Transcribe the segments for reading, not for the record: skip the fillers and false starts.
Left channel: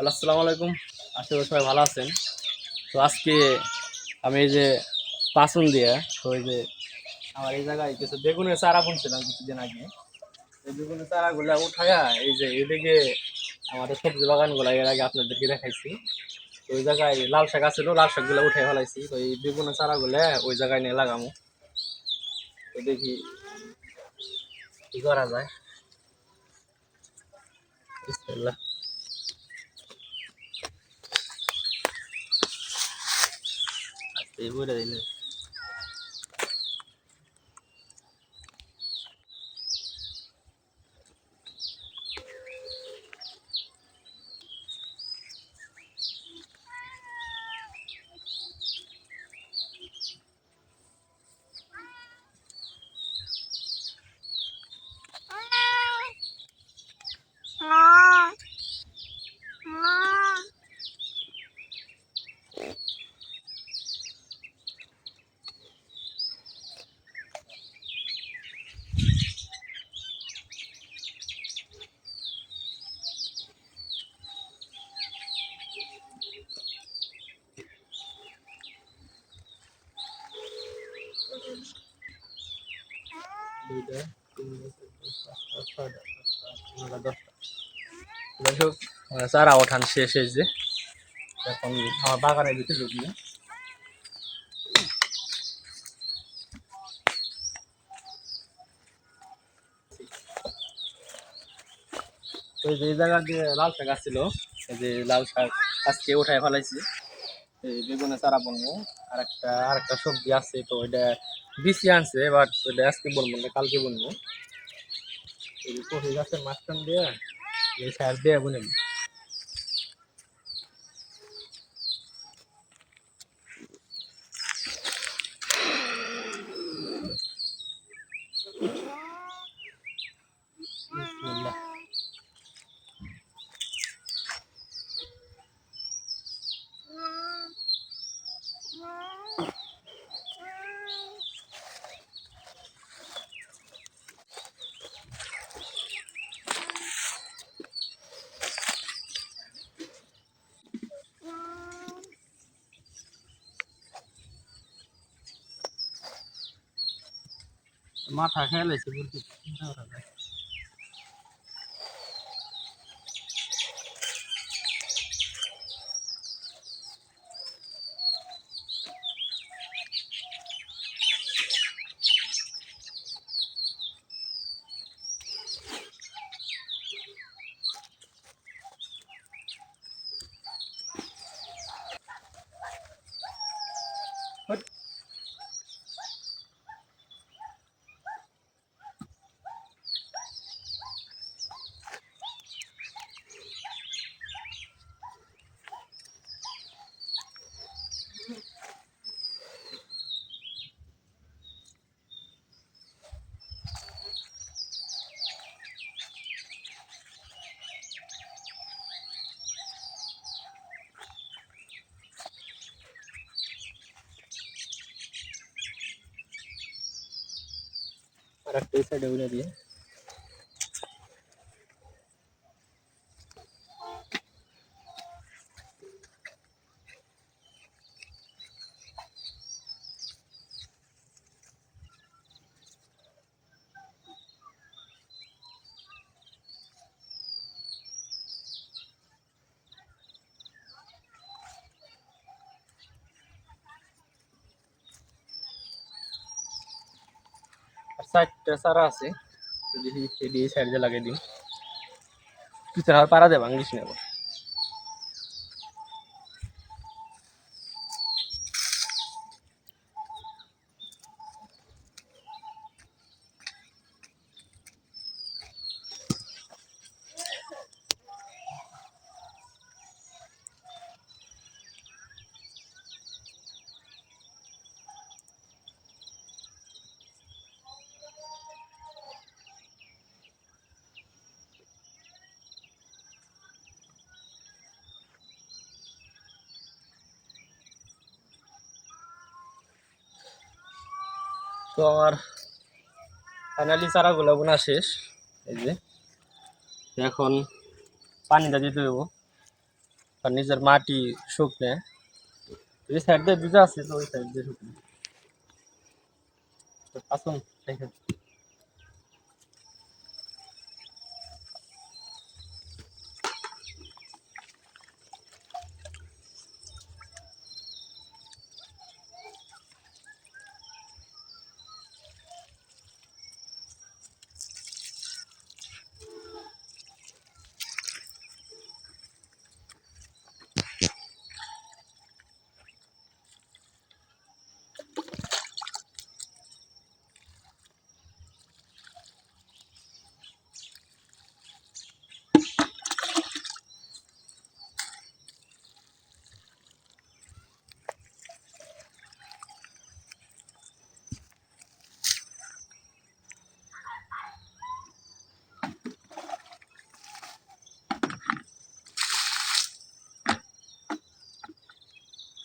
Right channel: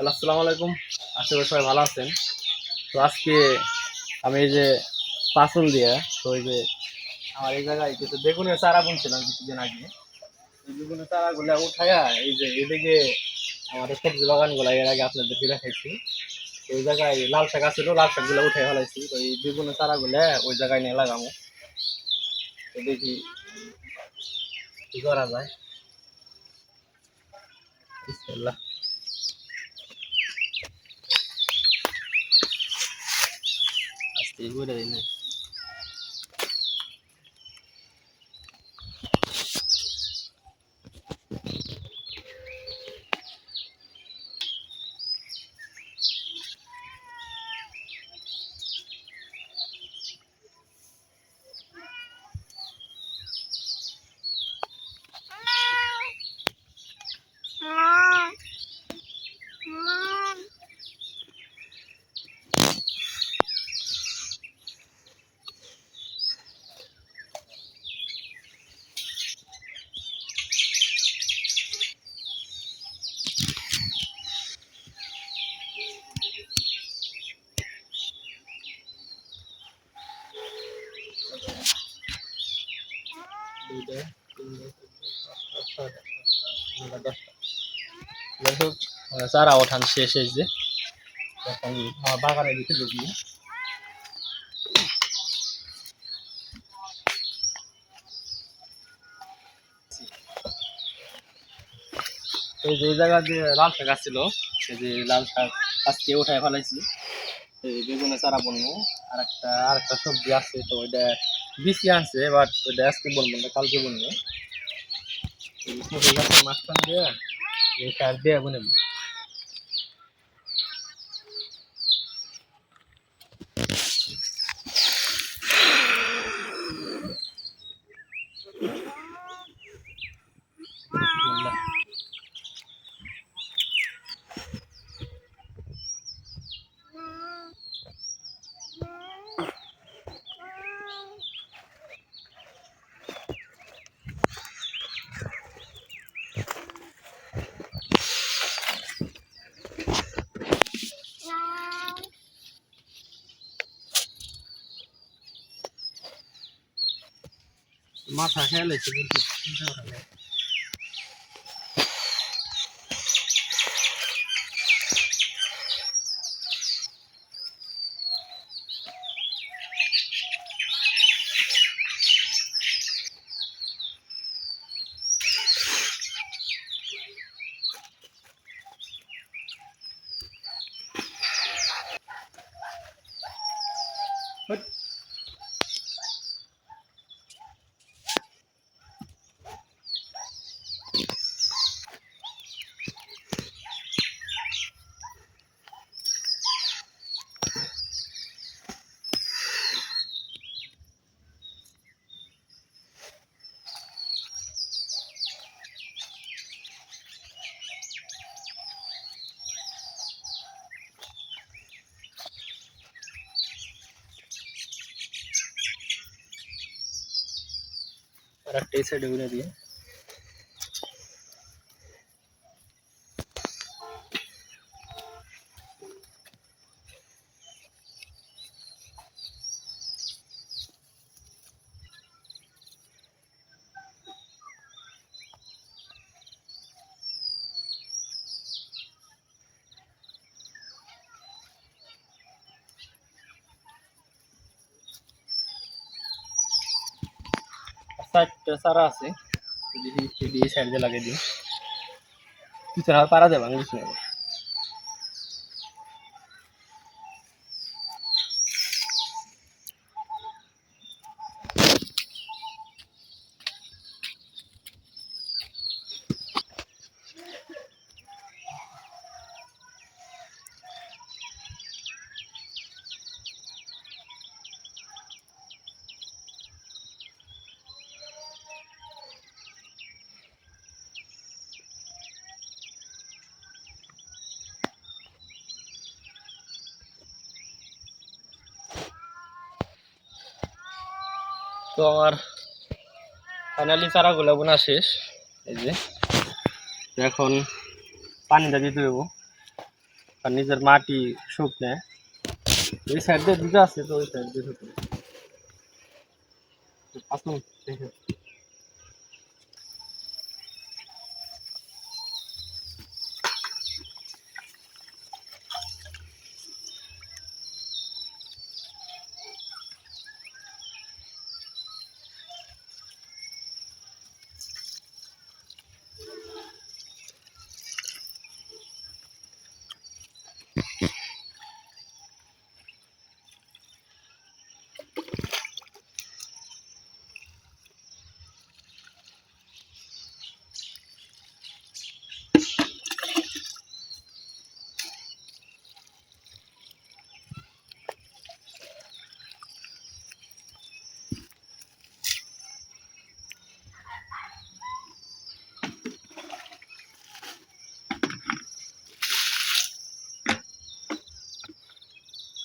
Hello, আসসালামু আলাইকুম। আশা করি সবাই ভালো আছেন। তো আজকে আমি এই যে পাঁচন দিয়ে, তো এই যে আমার এই জায়গায় কিছু বেগুনের চারা বুনছিলাম কিছুদিন আগে। এই বেগুনের চারাগুলো উঠায়া এই যে এদিকে আমাদের সবজি বাগানগুলো এর আগে আপনাদেরকে দেখাইছি। তো ওই জায়গায় লাল শাক আছিল, লাল শাকগুলো উঠাই ফেলাইছি। তো এই বেগুনের চারাগুলো ওই জায়গায় নিয়ে লাগামো। তো দেখি কি করা যায়। বিসমিল্লাহ। আজকে এই বইটা দিই না। দুইটা, তিনটা, চারটা, ছয়টা, সাতটা, আটটা, নয়টা, 10টা। যাই হোক, চারা ওঠান শেষ হয়েছে। এখন আমার বাগানের দিকে ঢুকবো। তো যে জায়গা দিয়ে লাল শাক আসছিল, এই যে লাল শাক আজকে উঠায় ফেলাইছি। এই বেগুনের চারা বলবো। আর একটা সবজি আছে, তো ওইটা বিচি আনছে, বাট ওইটা আজকে বলবো না, কালকে বলবো। এই কফি গাছের মাঝখান দিয়ে এই সার দিয়ে বুনে। মাথা খেয়াল হয়েছে কিন্তু চিন্তা করা যায়। আর একটা এই সাইডে বুনে দিয়ে সাইডটা চারা আছে, এই সাইড দিয়ে লাগিয়ে দিই। পিছনে আর পাড়া দেবা ইংলিশ নেব। তো আমার ফাইনালি চারাগুলো বোনা শেষ। এই যে এখন পানিটা দিতে দেবো। আর নিজের মাটি শুকনে এই সাইড দিয়ে দুটো আছে, তো ওই সাইড দিয়ে শুকনে আসুন দেখে।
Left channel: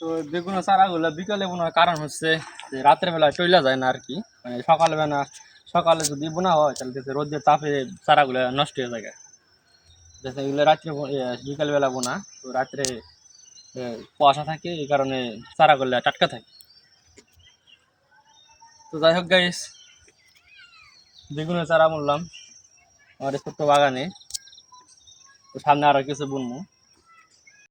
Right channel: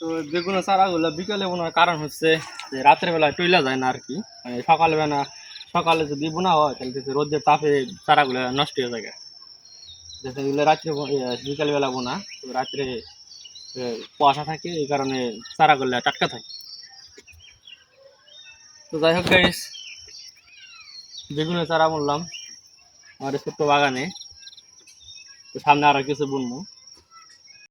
তো বেগুনের চারাগুলো বিকালে বোনার কারণ হচ্ছে যে রাতের বেলা টইলা যায় না আর কি, মানে সকালে যদি বোনা হয় তাহলে দেখতে রোদের তাপে চারাগুলো নষ্ট হয়ে যায়। যেটা এগুলো রাত্রে বিকাল বেলা বোনা, তো রাত্রে কুয়াশা থাকে, এই কারণে চারাগুলো টাটকা থাকে। তো যাই হোক গাইস, বেগুনের চারা বললাম আমার এই ছোট্ট বাগানে, তো সামনে আরো কিছু বুনবো।